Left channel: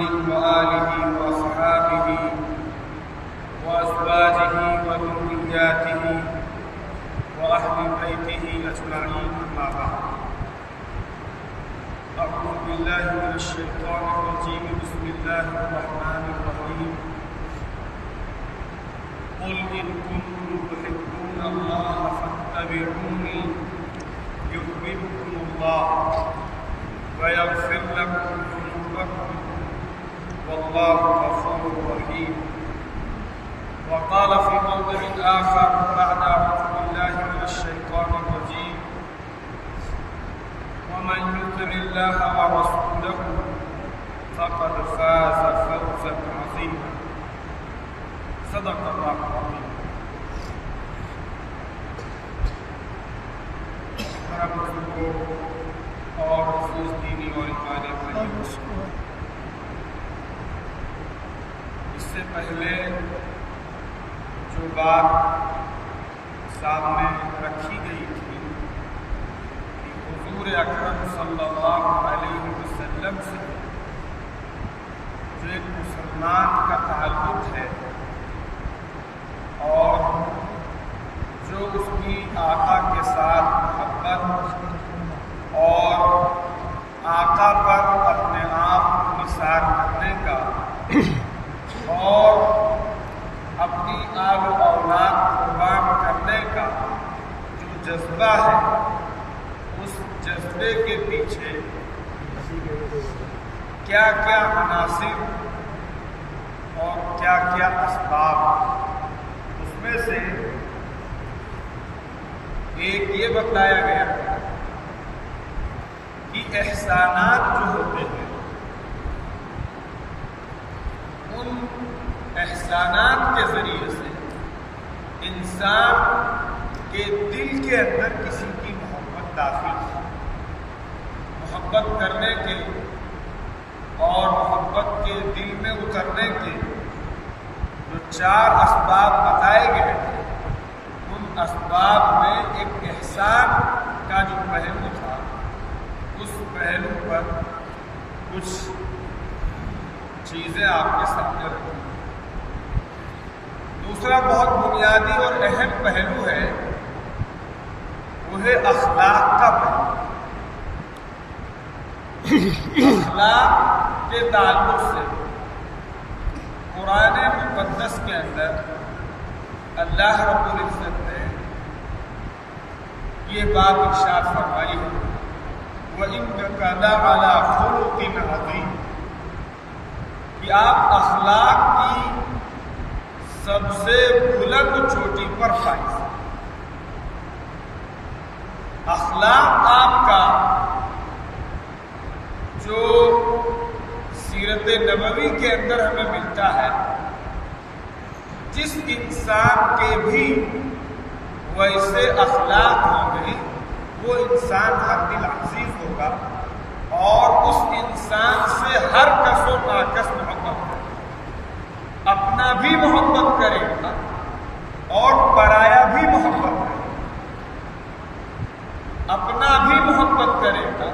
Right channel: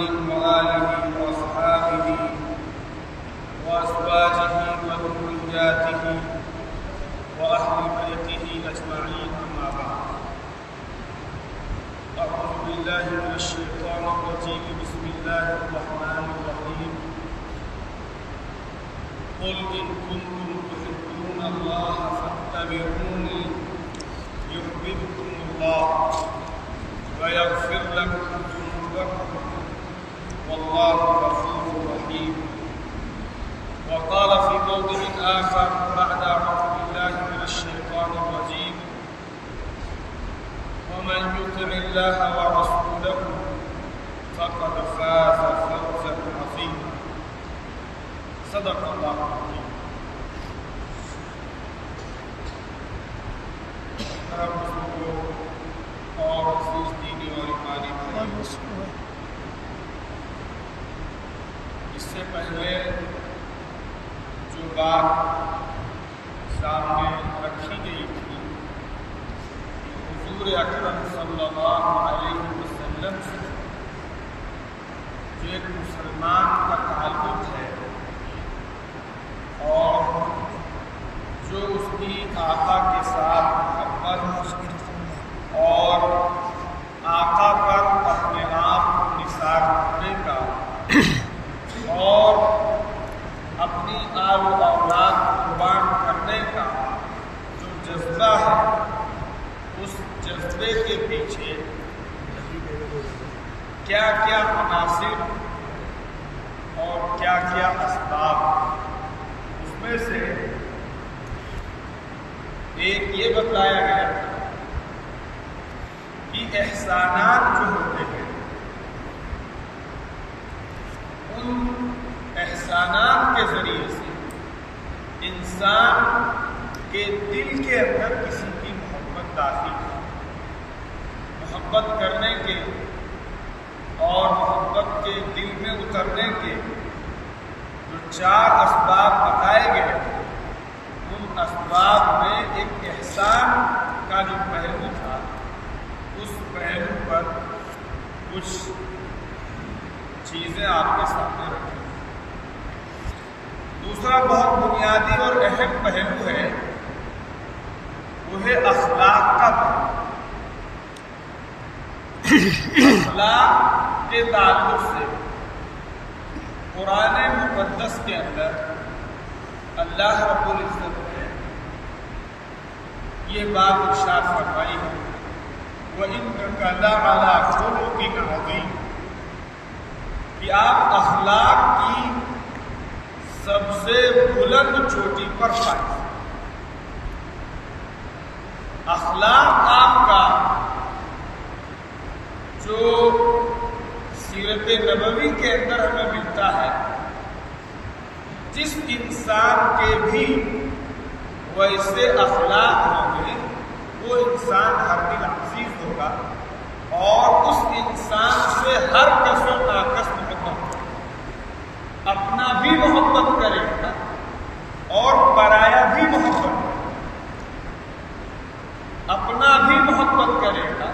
وآله وأصحابه وأزواجه وذرياته وأهل بيته أجمعين، أما بعد. أعوذ بالله من الشيطان الرجيم. بسم الله الرحمن الرحيم. قل إن كنتم تحبون الله فاتبعوني يحببكم الله ويغفر لكم ذنوبكم والله غفور رحيم. وقال في موضع آخر بعد أعوذ بالله من الشيطان الرجيم: ومن يطع الله ورسوله فقد فاز فوزا عظيما. صدق الله العظيم. محترم بزرگوں اور عزیز دینی اور ایمانی بھائیوں، اس سے پہلے جو بات سامنے رکھی گئی تھی کہ حضور اکرم صلی اللہ علیہ وسلم سے جو ایک مسلمان کا تعلق ہے اور جو اس کی آقا کے ساتھ محبت اور آقا پر اپنے آپ کو نثار کرنے کا اور اپنی آل و اولاد قربان کرنے کا جو جذبہ ہے، اس جذبے کے پیچھے کیا کیا عناصر اور کیا کیا اسباب، اس میں سے ایک یہ بتلایا گیا کہ احسانات جو ہوتے ہیں ان احسانات کے ذریعے سے انسان کے دل کے اندر کسی کی محبت داخل ہے. محبت کرنے کے اور محبت کے دل میں اترنے کے جو 4 اسباب بتائے گئے تھے، ان اسباب میں ایک احسان کا جو پہلو تھا، اس پہلو پر کچھ چیزیں آپ کے سامنے رکھی. دوسرا بہت بنیادی اور اہم پہلو ہے، وہ ہے اخلاق کا پہلو. اخلاق کے تعلق سے قرآن مقدس کے اندر اللہ رب العزت نے یہ بات ارشاد فرمائی ہے: وَإِنَّكَ لَعَلَىٰ خُلُقٍ عَظِيمٍ، کہ آپ اخلاق کی سب سے بلند چوٹی پر فائز. اخلاق آپ کا جو سیرت نبوی کے اندر ہمیں ملتا ہے، جس انسان کے بھی ویسے اخلاق ہوں گے وہ انسان ہر دل عزیز ہوگا اور اس انسان سے ہر کس و ناکس محبت کرے، اپنا بھی محبت کرے گا اور پرایا بھی محبت کرے گا، اپنا بھی محبت کرے گا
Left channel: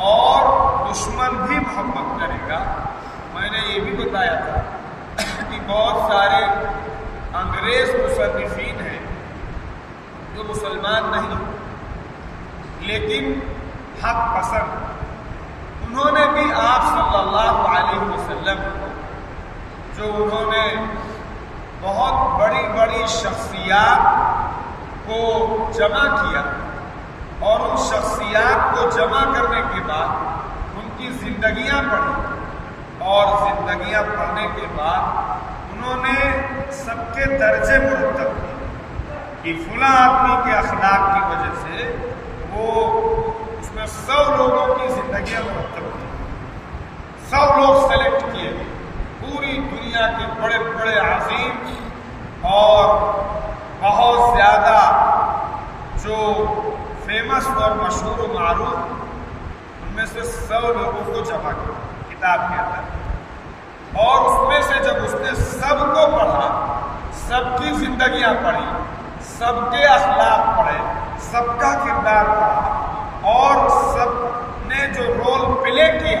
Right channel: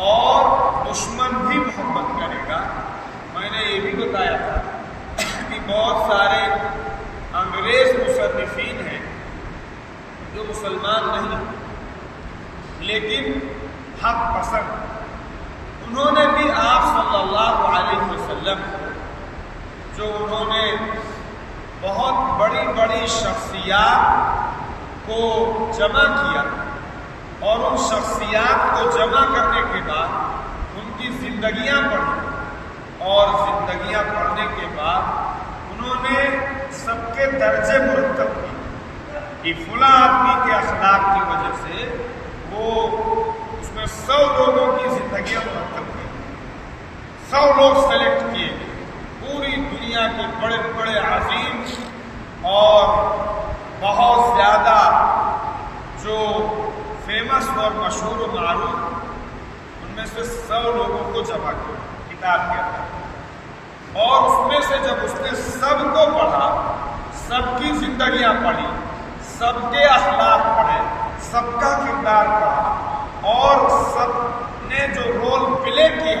اور دشمن بھی محبت کرے گا. میں نے یہ بھی بتایا تھا کہ بہت سارے انگریز مصنفین ہیں جو مسلمان نہیں لیکن حق پسند، انہوں نے بھی آپ صلی اللہ علیہ وسلم جو انہوں نے بہت بڑی بڑی شخصیات کو جمع کیا اور ان شخصیات کو جمع کرنے کے بعد ان کی زندگیاں پڑھی اور زندگیاں پڑھنے کے بعد انہوں نے سب کے درجے مرتب کیے کہ فلاں آدمی کے اخلاق کی وجہ سے وہ اس میں 100 لوگوں کی زندگیاں مرتب کی، 100 لوگ سلیکٹ کیے گئے، پوری دنیا کے بڑے بڑے عظیم اور بہت زیادہ جو فیمس اور مشہور و معروف، ان میں سے 100 لوگوں کو جمع کیا کتاب کے اندر، اور اس میں سے جب اس نے سب کو پڑھا، سب کی زندگیاں پڑھی، سب کے اخلاق پڑھے، سب کا کردار پڑھا اور سب نے جو رول پلے کیا،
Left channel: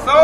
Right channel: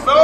100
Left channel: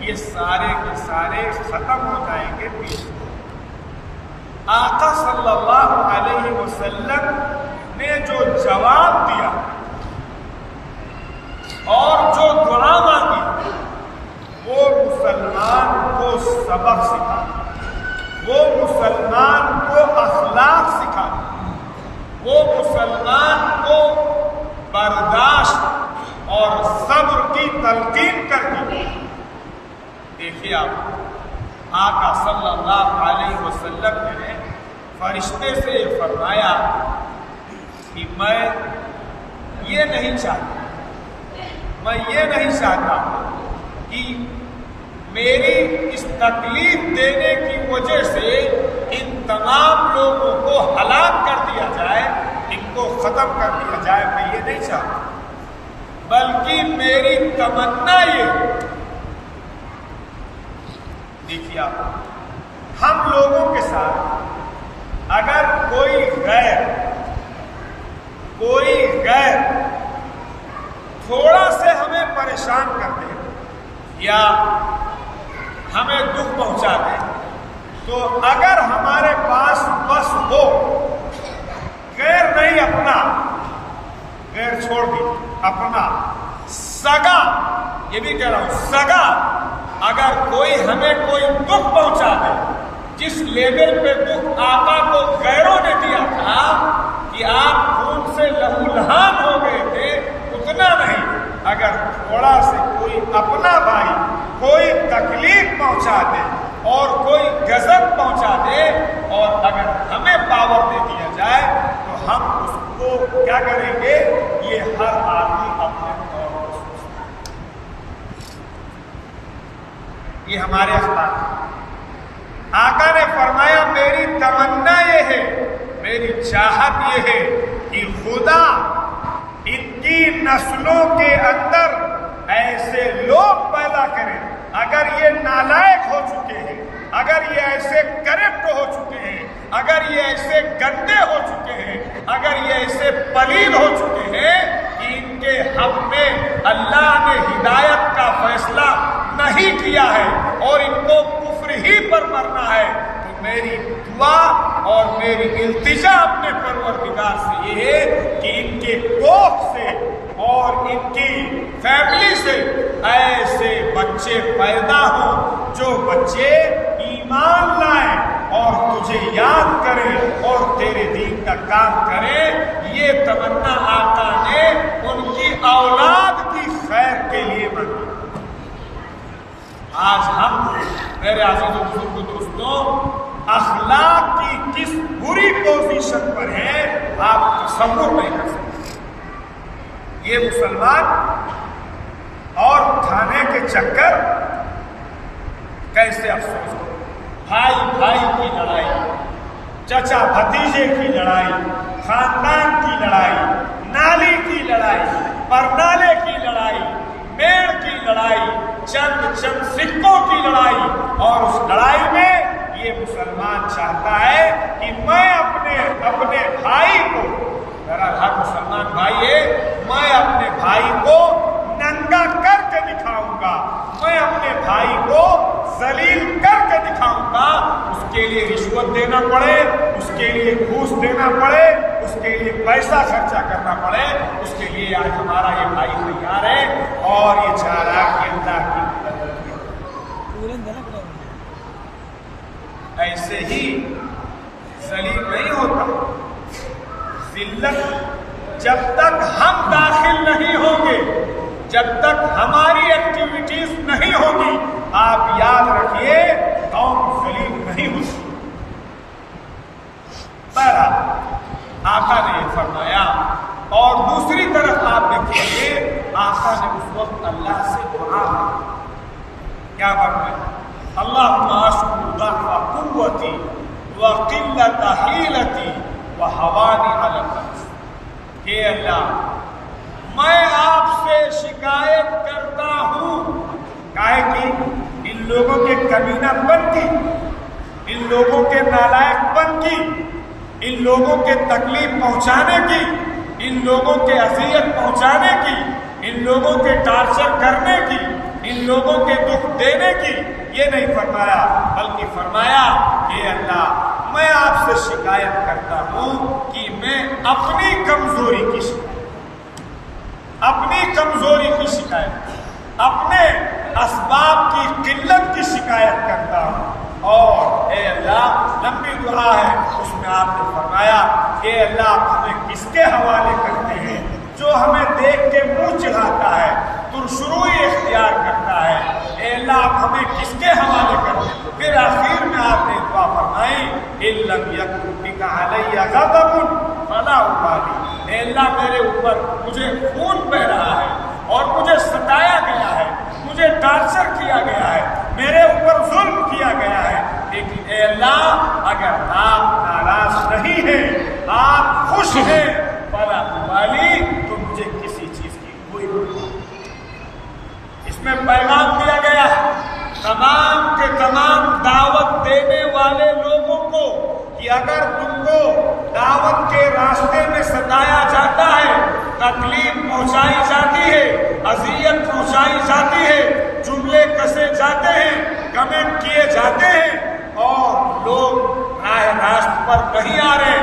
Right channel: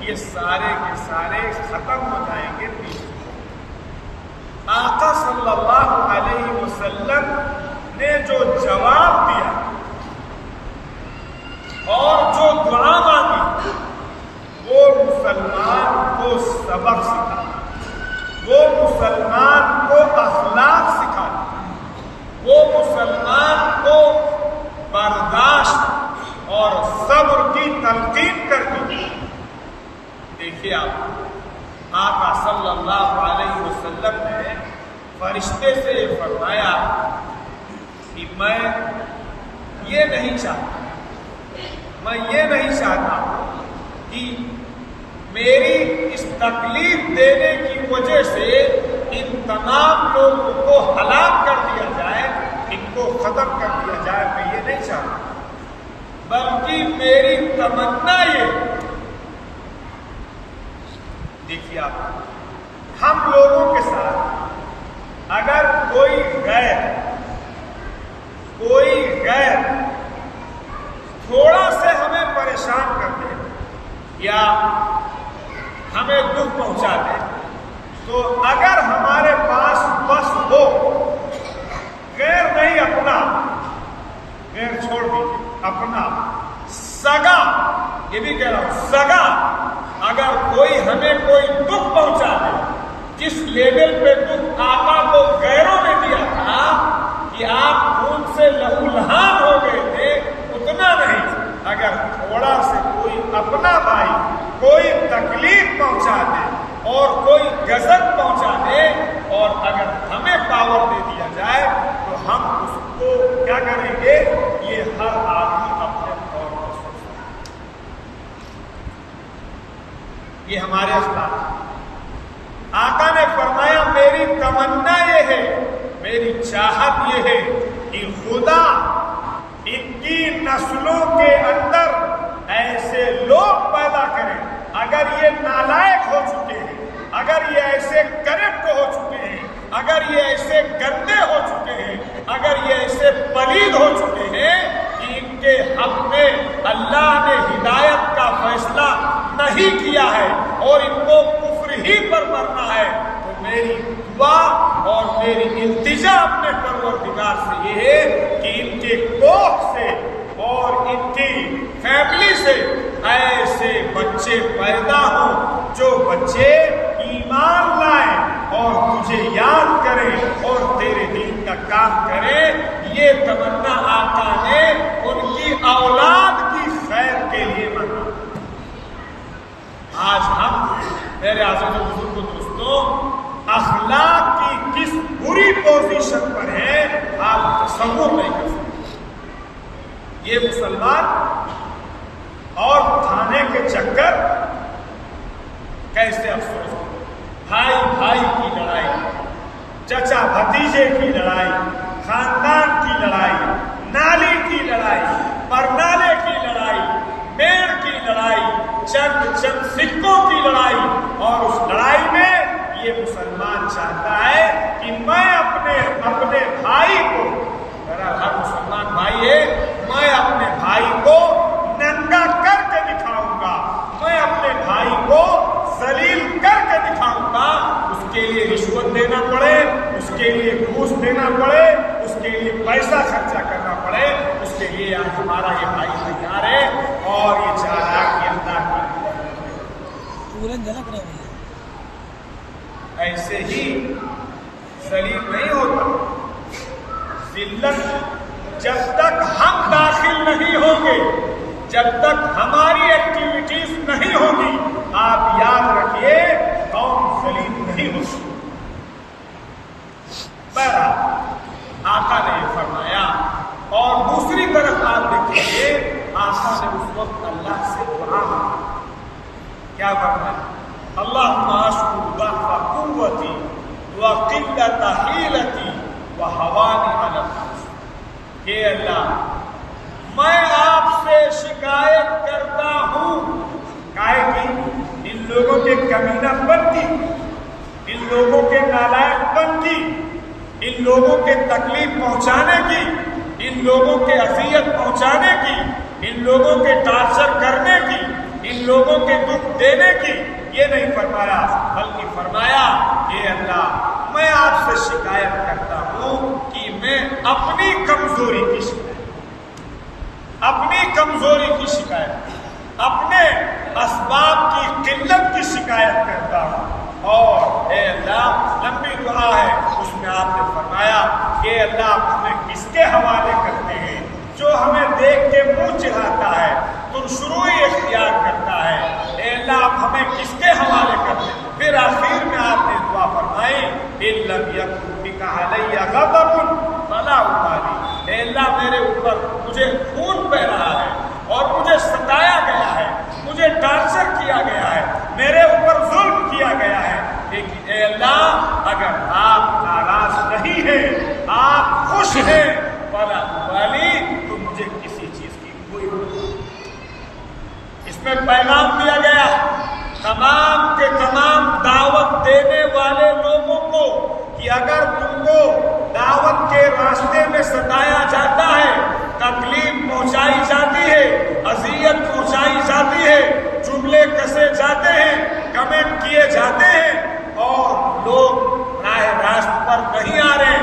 یہ سارے کے سارے ختم ہو جائیں گے پیچھے۔ آقا صلی اللہ علیہ وسلم نے جو جواب دیا اور جو دعا مانگی وہ مسلمان کو سبق سکھا، وہ مسلمان کو اخلاق سکھا، وہ مسلمان کو برداشت اور صبر کی تلقین کرتی۔ دیکھیے آپ، آقا صلی اللہ علیہ وسلم نے فرشتے سے یہ فرمایا کہ میں یہ نہیں چاہتا کہ میری اس تکلیف دینے کی وجہ سے ان تمام لوگوں کو ہلاک کر دیا جائے، ان کو ختم کر دیا جائے، میں یہ نہیں چاہتا، بلکہ میری تمنا یہ۔ دیکھیے آپ، ہم لوگوں کے ساتھ اگر کوئی غیر تھوڑا سے ہمیں پریشان کر دے یا ہمیں دکھ پہنچا دے، تو اگر ہمارے پاس بس ہو، غیر نہیں اپنا، غیر چھوڑ دیجیے، اپنا سگا، یہ بھی کہہ رہا ہوں سگا، اگر کوئی ہمیں کوئی دکھ پہنچا دے، جس لیول پہ دکھ آقا کو غیروں نے دیا تھا کہ آپ خون سے لہو لہان ہو گئے تھے، اتنا نہیں، اگر تھوڑا سے کوئی اپنا بھائی کوئی تکلیف پہنچا دے اور کوئی غضب پہنچا دے اور اگر ہمیں پاور دے دیا جائے تو ہم اس کو کیا کریں گے؟ یہ ہر آدمی اپنے طور پر سوچتا ہے، یہ ہمارے اخلاق۔ آقا نے فرمایا میری تمنا یہ ہے، میری چاہت یہ ہے کہ خدا ان کی نسلوں کے اندر ایسے لوگ پیدا کریں، اگر یہ نالائق ہو چکے ہیں، اگر یہ ایسے کرپٹ ہو چکے ہیں، اگر یہ ایسے گندے ہو چکے ہیں، اگر یہ ایسے پلید ہو چکے ہیں کہ ان کے حق میں اللہ نے ہدایت کا فیصلہ نہیں کیا ہے اور ان کو کفر ہی پر مرنا ہے، تو میری دعا اور میری التجا اپنے پروردگار سے یہ ہے کہ ان کے کوکھ سے اور ان کی فیملی سے ایسے بچے پیدا ہوں جو بچے ایمان لائیں اور تجھے یاد کریں اور تیرے دین کا کام کریں۔ یہ تمنا آقا نے ان کی اولاد کی خیر کے لیے مانگی۔ آج ہم میرے عزیز و بزرگ دوستوں اخلاق کی کس بری پوزیشن پر ہیں آپ تصور نہیں کر سکتے۔ یہ مسلمان اور تھانے کے چکر کیسے افسوس ہو، بھائی بھائی کی لڑائی، چچا بھتیجے کی لڑائی، خاندان کی لڑائی، نالی کی لڑائی، پرنالے کی لڑائی، میڑ کی لڑائی، چند سکوں کی لڑائی، اور اس لڑائی میں یہ مسلمان چاہتا ہے کہ میں اپنے بھائی کو، میرا ہر مسلمان بھائی ہے، میں اپنے بھائی کو ننگا کر کے دکھاؤں گا، میں اپنے بھائی کو ذلیل کر کے دکھاؤں گا، اس کے لیے رشوت دینا پڑے، اس کے لیے گھوس دینا پڑے، اس کے لیے پیسہ خرچہ کرنا پڑے، اس کے لیے آج ہمارا یہ بھائی تیار ہے اور یہ چاہ رہا کہ اللہ کی ایسے ہی ذلیل نہیں ہوتا۔ ذلت جب تک ہم داخل نہیں ہوں گے، جب تک ہماری ایکٹیویٹیز نہیں ہوگی، آپ یاد رکھیے قوم ذلیل نہیں ہو سکتی۔ بہرحال آقا نے یہ فرمایا، اور دوسری طرف آپ دیکھیں گے آقا نے اس وقت اللہ سے دعا مانگی، کیا فرمایا؟ اللہم اشکو ضعف قوتی وقلت حیلتی وہوانی علی الناس، کہ اللہ میں آپ سے شکایت کرتا ہوں، کاہے کی ان لوگوں کے کمینہ پن کی، ان لوگوں کے نالائق پن کی، ان لوگوں کے تکلیف پہنچانے کی، ان لوگوں کے اذیت پہنچانے کی، ان لوگوں کے ٹارچر کرنے کی، ان لوگوں کے دکھ دینے کی، یہ نہیں فرمایا، بلکہ فرمایا کہ اللہ میں آپ سے شکایت کرتا ہوں کہ میں اپنی کمزوری کی شکایت، اپنے اسباب کی قلت کی شکایت کرتا ہوں۔ اور اے اللہ، لمبی دعا ہے، اس میں آپ نے فرمایا کہ اللہ آپ ہمیں کس کے حوالے کرتے ہیں؟ جو ہمیں دیکھ کے منہ چڑھاتا ہے، ترشروئی اختیار کرتا ہے، اے اللہ آپ ہمیں کس کے حوالے کرتے ہیں؟ پھر آخر میں آپ نے دعا فرمائی إِن لَّمْ يَكُن بِكَ عَلَيَّ غَضَبٌ فَلَا أُبَالِي، اے اللہ میرے اوپر مجھے خون بہ رہا ہے اور مجھے ستایا گیا ہے، مجھے ٹارچر کیا گیا ہے، میرے اوپر ظلم کیا گیا ہے، لیکن اے اللہ اگر آپ ناراض نہیں ہیں، آپ خوش ہیں، فَلَا أُبَالِي، تو مجھے کسی چیز کی کوئی پرواہ نہیں۔ اس میں پیغام دیا گیا تمام کے تمام دعوت دینے والے لوگوں کو کہ اگر تم کو دعوت کے راستے میں ستایا جاتا ہے، تکلیف پہنچائی جاتی ہے، اذیت پہنچائی جاتی ہے، جملے کسے جاتے ہیں، کمنٹ کیے جاتے ہیں اور لوگ راہ راست پر نہیں آ رہے،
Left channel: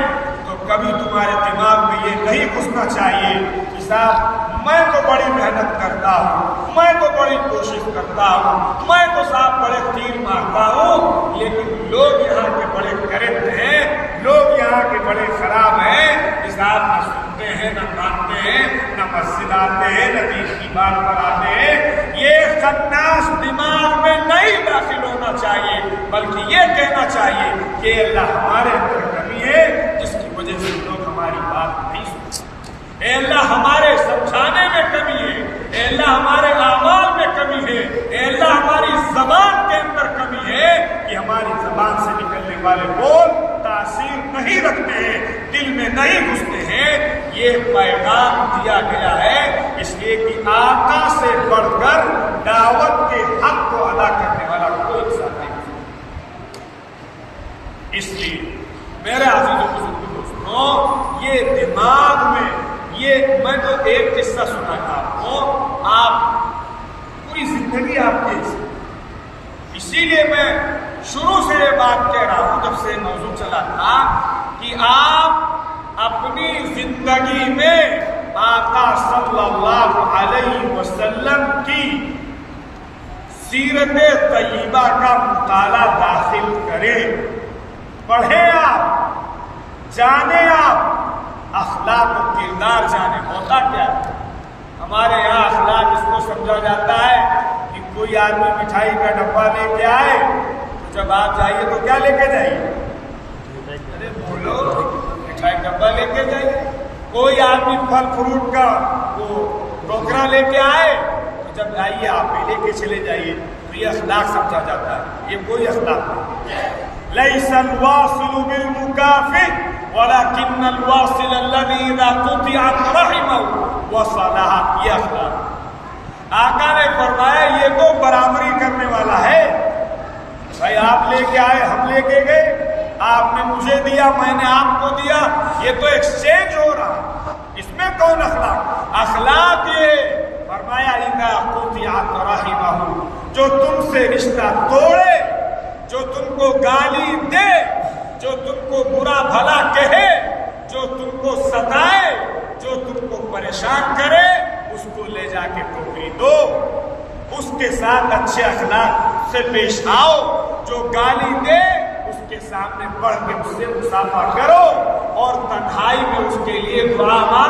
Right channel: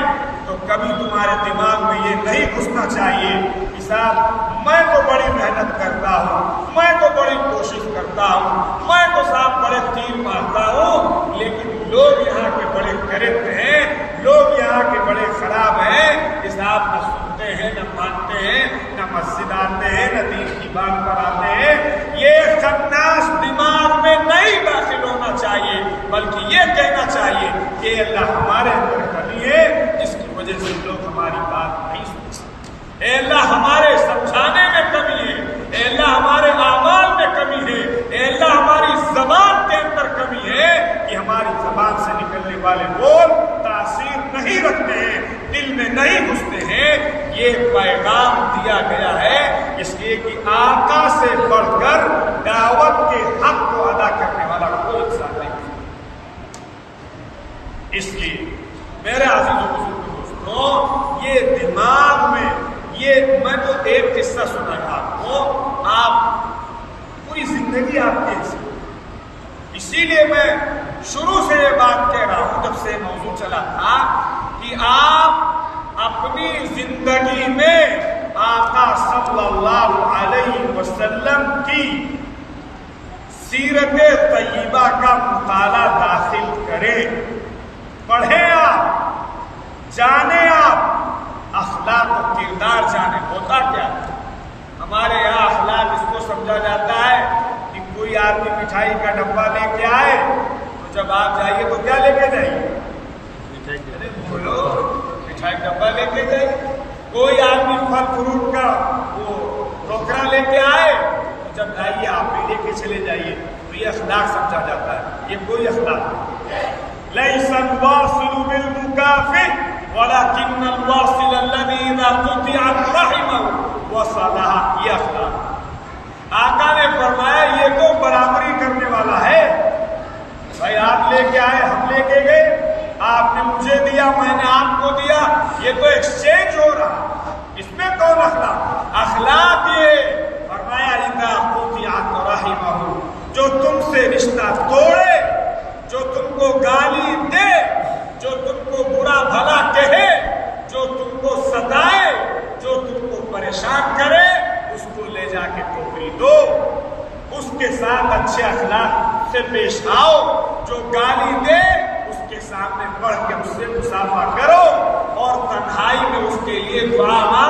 تو کبھی تمہارے دماغ میں یہ نہیں گھسنا چاہیے کہ صاحب میں تو بڑی محنت کرتا ہوں، میں تو بڑی کوشش کرتا ہوں، میں تو صاحب بڑے تیر مارتا ہوں، لیکن لوگ یہاں کے بڑے کرپٹ ہیں، لوگ یہاں کے بڑے خراب ہیں، صاحب نہ سنتے ہیں، نہ مانتے ہیں، نہ مسجد آتے ہیں، نہ دین کی بات پر آتے ہیں۔ یہ خناس دماغ میں نہیں داخل ہونا چاہیے، بلکہ یہ کہنا چاہیے کہ اللہ ہمارے اندر کمی ہے جس کی وجہ سے لوگ ہماری بات نہیں سنتے، اے اللہ ہمارے سمجھانے میں کمی ہے، اے اللہ ہمارے اعمال میں کمی ہے، اے اللہ ہماری زبان کے اندر کمی ہے کہ ہماری زبان سے نکلنے والے بول تاثیر نہیں رکھتے ہیں، دل میں نہیں گھستے ہیں۔ یہ پیغام دیا گیا ہے اس لیے کہ آقا سے بڑھ کر دعوت کے حق کو ادا کرنے والا کوئی انسان نہیں، اس لیے میرے عزیز و بزرگ دوستوں، یہ دماغ میں میں تو ایک قصہ سنا ہے آپ کو، آپ پوری زندگی آپ کے اسی لیے میں شروع سے یہ بات کہہ رہا ہوں جب سے موضوع چلا تھا کہ آپ اپنی زندگی میں آقا صلی اللہ علیہ وسلم کی سیرت طیبہ کا مطالعہ داخل کریں، پڑھیں، آپ جانیں، آپ اخلاق و کردار جانیں۔ ہوتا کیا ہے ہمارے یہاں اخلاق اس کو سمجھا جاتا ہے کہ کوئی آدمی مٹھائی کا ڈبہ لے کے آئے تو جب آپ جائیے تو کیا لے کے جائیے؟ ارے بولو، مٹھائی کا ڈبہ لے کے جائیے۔ کوئی آدمی پھل فروٹ کا وہ ٹوکرا لے کے آئے تو جب آئیے آپ بھی لے کے چلے جائیے، تو یہ اخلاق سمجھا جاتا ہے۔ یہ کوئی اخلاق نہیں۔ لَيْسَ الْوَاصِلُ بِالْمُكَافِئِ وَلَكِنَّ الْوَاصِلَ الَّذِي إِذَا قُطِعَتْ رَحِمَهُ وَصَلَهَا، یہ اخلاق۔ آقا نے فرمایا یہ تو برابری کرنے والا ہے، بھائی آپ لے کے آئے، ہم لے کے گئے، آپ نے مجھے دیا، میں نے آپ کو دیا، یہ تو ایکسچینج ہو رہا، اس میں کون اخلاق؟ اخلاق یہ فرمایا إِذَا قُطِعَتْ رَحِمَهُ، جو تم سے رشتہ توڑے، جو تم کو گالی دے، جو تم کو برا بھلا کہے، جو تم کو ستائے، جو تم کو پریشان کرے، اس کو لے جا کے ٹوکری دو، اس کے ساتھ اچھے اخلاق سے پیش آؤ، جو گالی دے اس کے سامنے بڑھ کے اس سے مصافحہ کرو اور تنہائی میں اس کے لیے دعا مانگو۔